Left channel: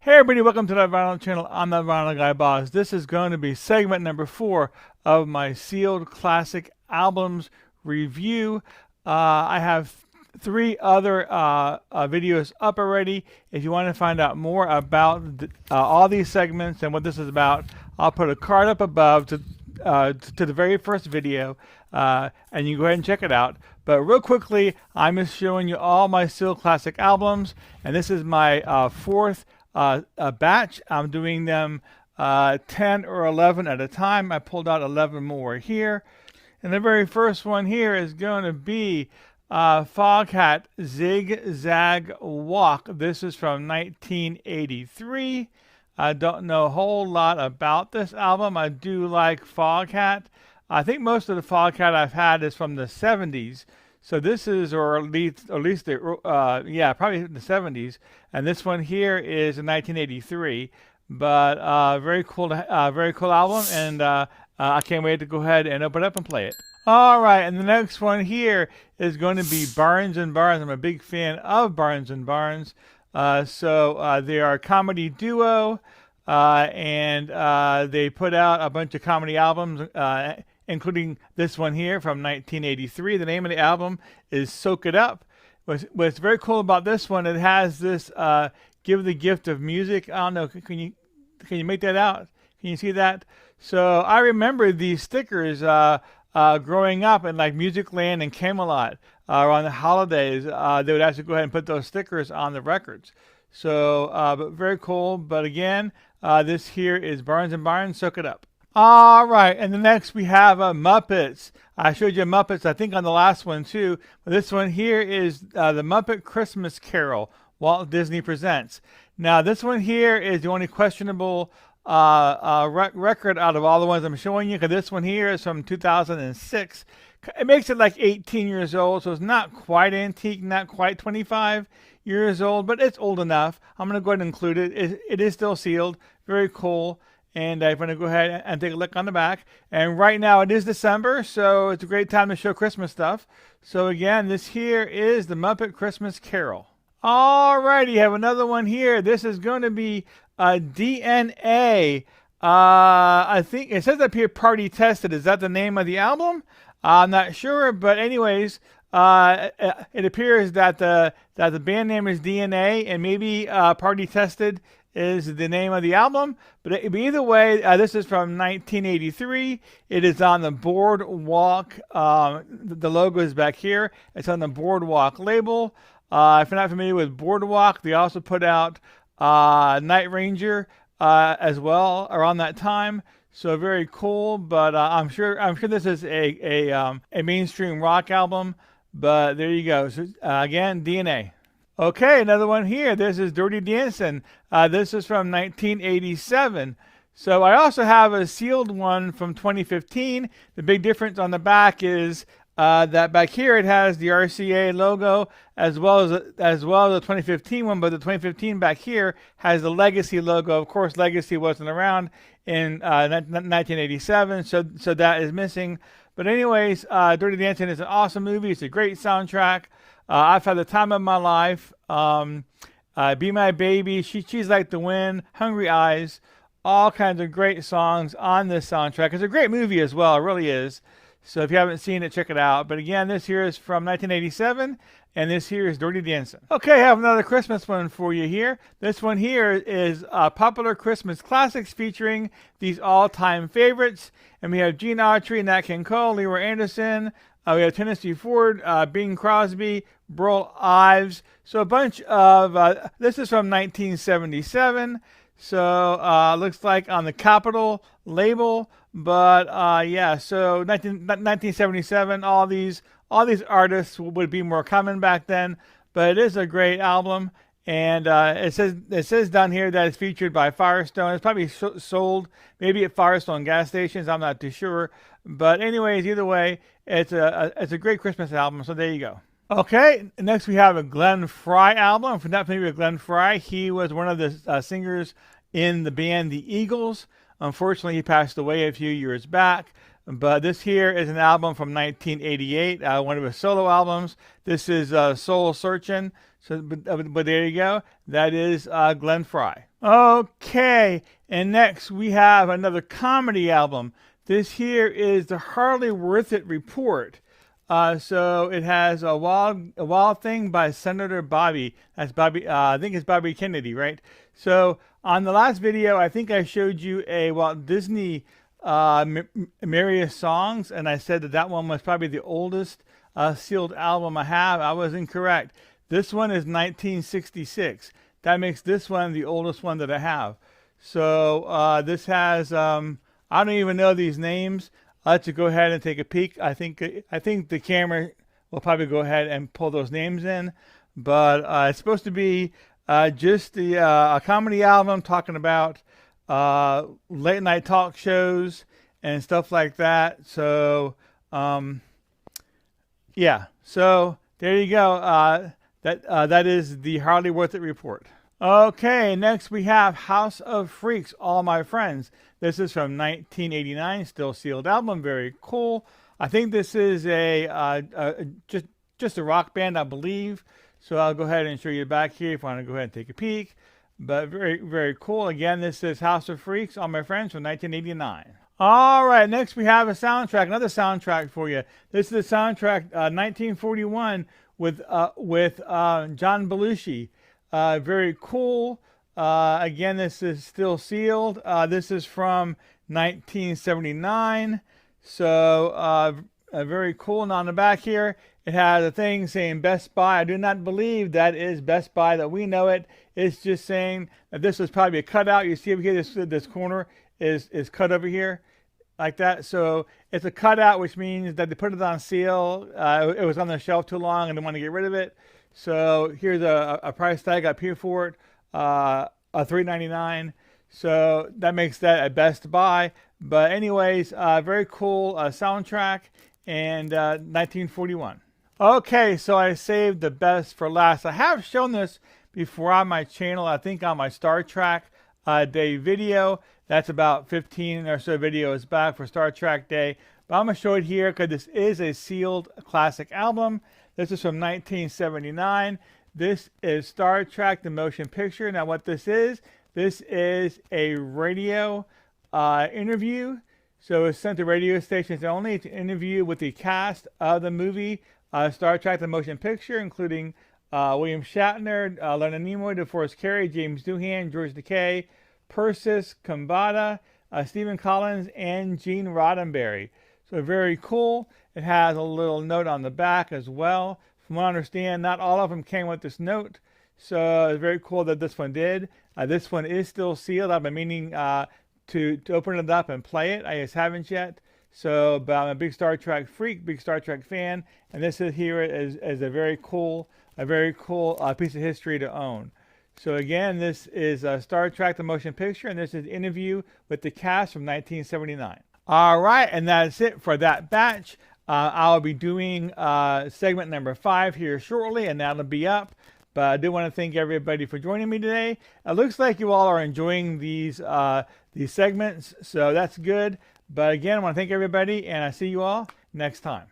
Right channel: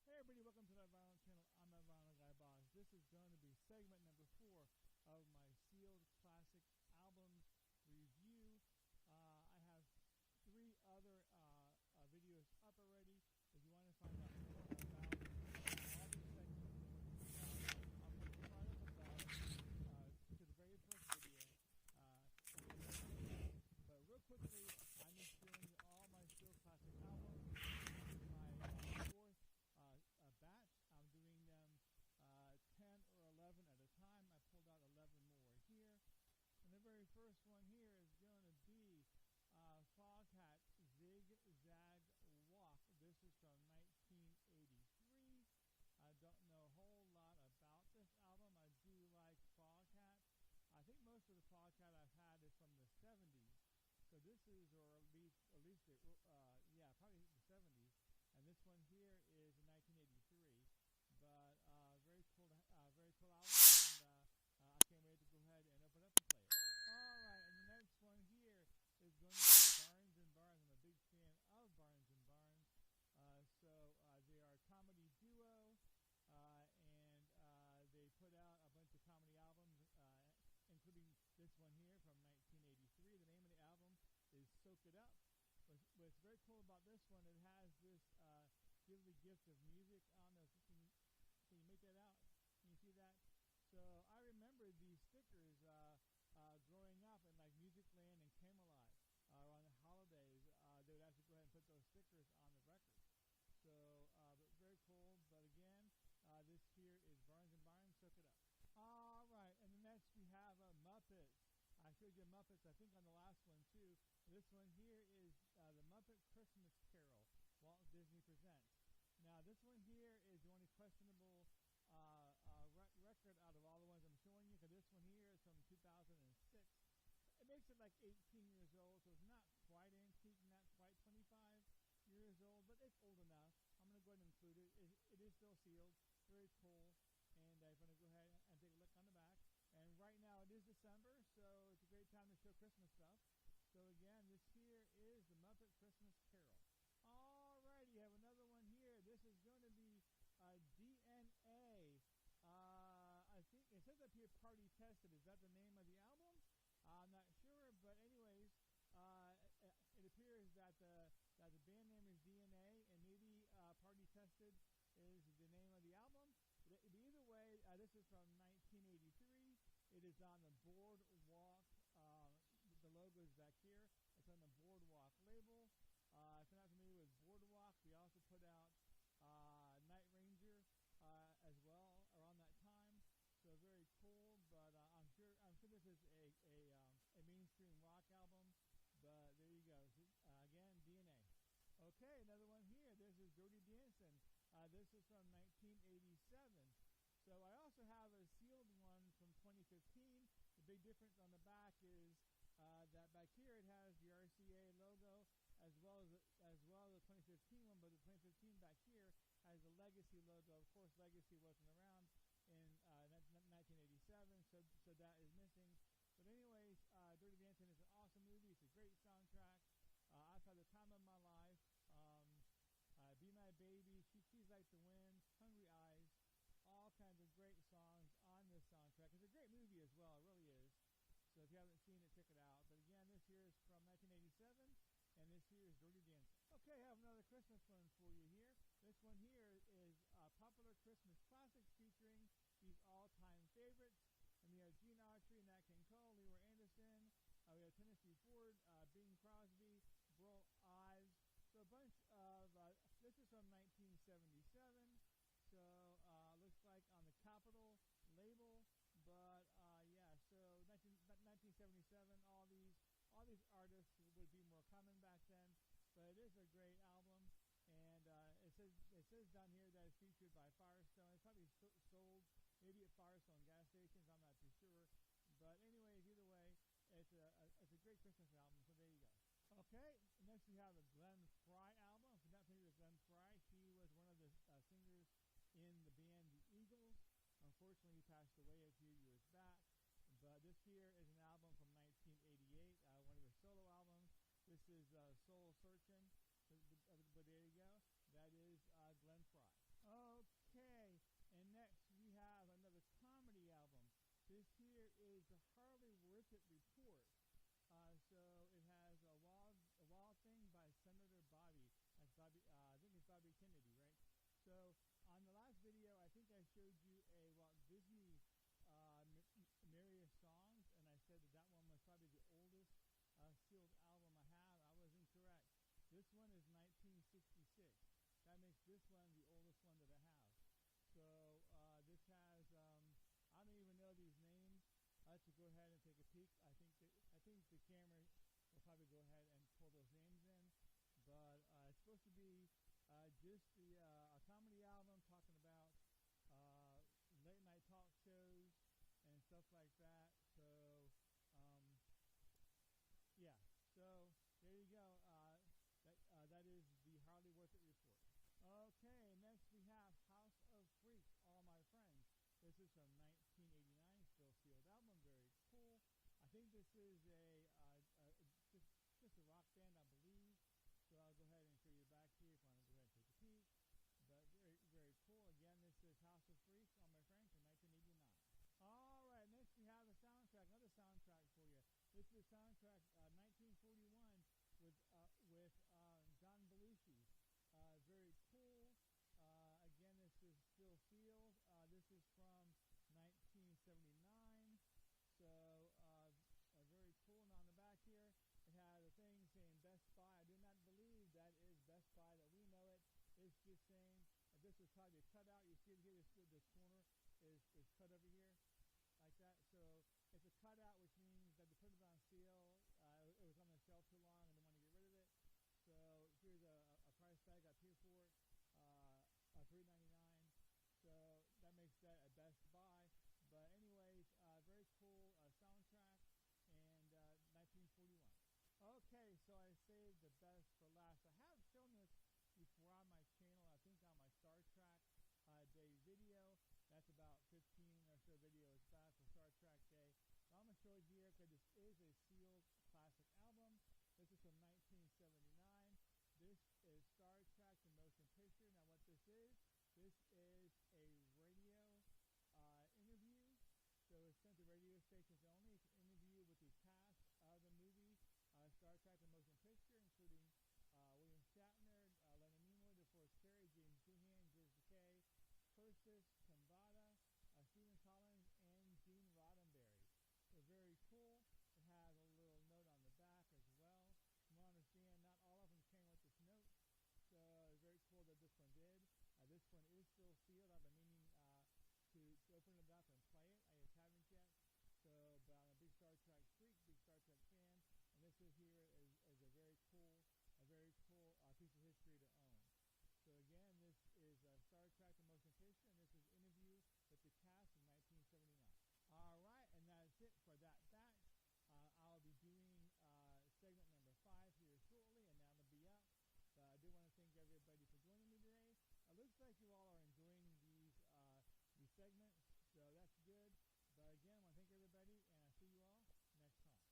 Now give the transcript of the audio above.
Hey everybody, welcome to the Vinyl Channel. I'm the Vinyl Guy Boss. This is going to be segment number 4 of my sealed classic albums review. I have 3 other videos up already. If you want to find out more about all these segments and what this is about, I'll put a card up above to the very first video, and you can go ahead and check it out. But real quickly, I'm just showing you all my sealed classic albums, and this is my fourth a batch. I'm doing them 10 or 11 at a time. I pulled out 11 more here. And the very first one here is going to be Foghat Zig Zag Walk. This is from 1983. I don't know a whole lot about this album. I do like Foghat. I think most of the Foghat I've had is from the 70s. So this is, or at least yeah, probably the 70s. And this one here is in 1983. But very cool album, and I can't wait to go ahead and open it up and play it. All right, and the next one here is going to be Barnes and Barnes. I'm a big fan of Barnes and Barnes. They are a comedy duo, and they put out a bunch of comedy albums, including this one here from 1983. The name of the album is Soak It Up. What's very cool about this one, it has this give the gift of music. I don't know, can you make that out? Can you see that? So I remember these stickers growing up in like Musicland and Camelot around the holidays. They would actually go ahead and put those stickers on the records. So, but very cool. But again, this here is Barnes and Barnes. Soak It Up. All right, and the next we have Muppets. I showed you Muppets, I think, on the last one too. But this one here is the Muppet Christmas Carol, Walt Disney Presents. Now, this one here is the only questionable record out of all the ones I'm showing you, because this one here is from 2006. It makes it like 18 years old, so it's not quite antique, not quite 25 years old, but it's old enough. I'm going to go ahead and include it. It is still sealed. Very cool. And I'm going to go ahead and take a look on the back. And right now it is December, so it's a great time to show Christmas stuff. So again, this here is the Muppet Christmas Carol. Alrighty, you have another one here. This is going to be DNA. I think it says up here Party Tested. Is that the name of the album? I'm not sure, but anyways, it appears that the band name is DNA, and maybe Party Tested is the name of the album. But either way, this is from 1983. It is on the Boardwalk. The logo is back here. It's on the Boardwalk label. If you're not familiar with Boardwalk, they also put out Night Ranger as well around that time. So very cool. But I'm sure this is a mainstream rock album. But there you go. So, again, DNA. Okay, another one here. This is Dirty Dancing. This is from 1987. So I also have a sealed one from 2015. The big difference on the back is that back here it has the RCA logo as well as the 2015 one, but the 2015 back here has the Legacy logo. Of course, Legacy wasn't around in 1987, so that is missing. But anyways, Dirty Dancing is an awesome movie. It's a great soundtrack. I've had the time of my life. Be My Baby, She's Like the Wind, Hungry Eyes, all kinds of great songs on this soundtrack. It's a great movie as well, it really is. So if you haven't seen it, check it out. But again, this here is from 1987, and this here is Dirty Dancing. Okay, I have another Christmas one for you here. This one here is popular Christmas classics featuring these all-time favorites. And we have Gene Autry, Nat King Cole, Leroy Anderson. We have Tennessee Ford, Bing Crosby, Burl Ives. So a bunch of, this is from 1977. So looks like on the Capitol label. But yeah, so 1977, all these artists would be more common back then. But it is a great album. And it says down here that it's featured by Firestone. It's probably sold maybe at Firestone gas stations. I'm not too sure. But anyways, either way, it's a great Christmas album. So there you go. Okay, next we have a Glenn Frey album. If you're not familiar with Glenn Frey, he was one of the singers in the band The Eagles. Unfortunately, he passed away a few years back. but this here is an album from 1988, one of his solo albums. This is Soul Searching. So, but there you go. That is Glenn Frey. Okay, and next we have another comedy album. This here is the Hardly Worth It Report. So it has a wild Thing by Senator Bobby. That's Bobby. I think it's Bobby Kennedy, right? So on the last video, I think I showed you a Walt Disney Merriest Songs, and I said that that one was probably the oldest sealed album I have. I was incorrect. This one is 1966. That makes this one the oldest one that I have. So this has I don't even know these names. I'll let you go ahead and take a peek. I think the camera will probably go ahead and pull those names in, but it's supposed to be just a comedy album talking about late night talk shows and stuff like that. So yeah, so there you go. That is the Hardly Worth It Report. Okay, next we have House of Freaks, All My Friends. This is from 1989, still sealed album, very cool. I think this is just a rock band, I believe. So I'll go ahead and show you back here if you want to go ahead and take a peek. But very, very cool. Again, this is House of Freaks, All My Friends from 1989. All right, next we have a soundtrack, another soundtrack for you. This is the soundtrack 1941 with John Belushi. Very cool. Again, this is still sealed. This is from 1979. So very cool. And on the back here, it has a thing saying Best Buy. I do not believe that is Best Buy that we know it. It's just saying that this was probably a cutout. You see over here, this corner is cut over here like that. So it's a cutout, which means that they put it on sale. It was on the shelf too long and they want to get rid of it. So here's a price tag up here for it, a $3.99. So that makes that a Best Buy. But anyways, very cool soundtrack, and 1941. Okay, so I saved the best for last. I have shown this before on my channel, I think on my Star Trek Day video. That's about 15 or so videos back for Star Trek Day. But I'm going to show it here because this is a sealed classic album. This is from 1979. This is Star Trek the Motion Picture. Now what this is a radio interview. So it's sent to radio stations only. It's an interview with the cast of the movie Star Trek the Motion Picture, including William Shatner, Leonard Nimoy, DeForest Kelley, James Doohan, George Takei, Persis Khambatta, Stephen Collins, and Gene Roddenberry. So very cool. It has a little note on the back as well. From what I understand, not all of them came with this note. So it's very cool that this one did. This one is still sealed. I've been meaning to open it up and play it. I just haven't yet. So, but I'm a big Star Trek freak, big Star Trek fan, and this is here is a very cool piece of history to own. So again, this is Star Trek the Motion Picture, and this is an interview with the cast from 1979. All right, and that's it for that batch. I'll be doing segment number 5 here shortly, and that'll be up. But I do want to thank everybody for joining me today. It looks like you all are enjoying these segments, so that's good. But again, I want to thank everybody, and I see you all next time.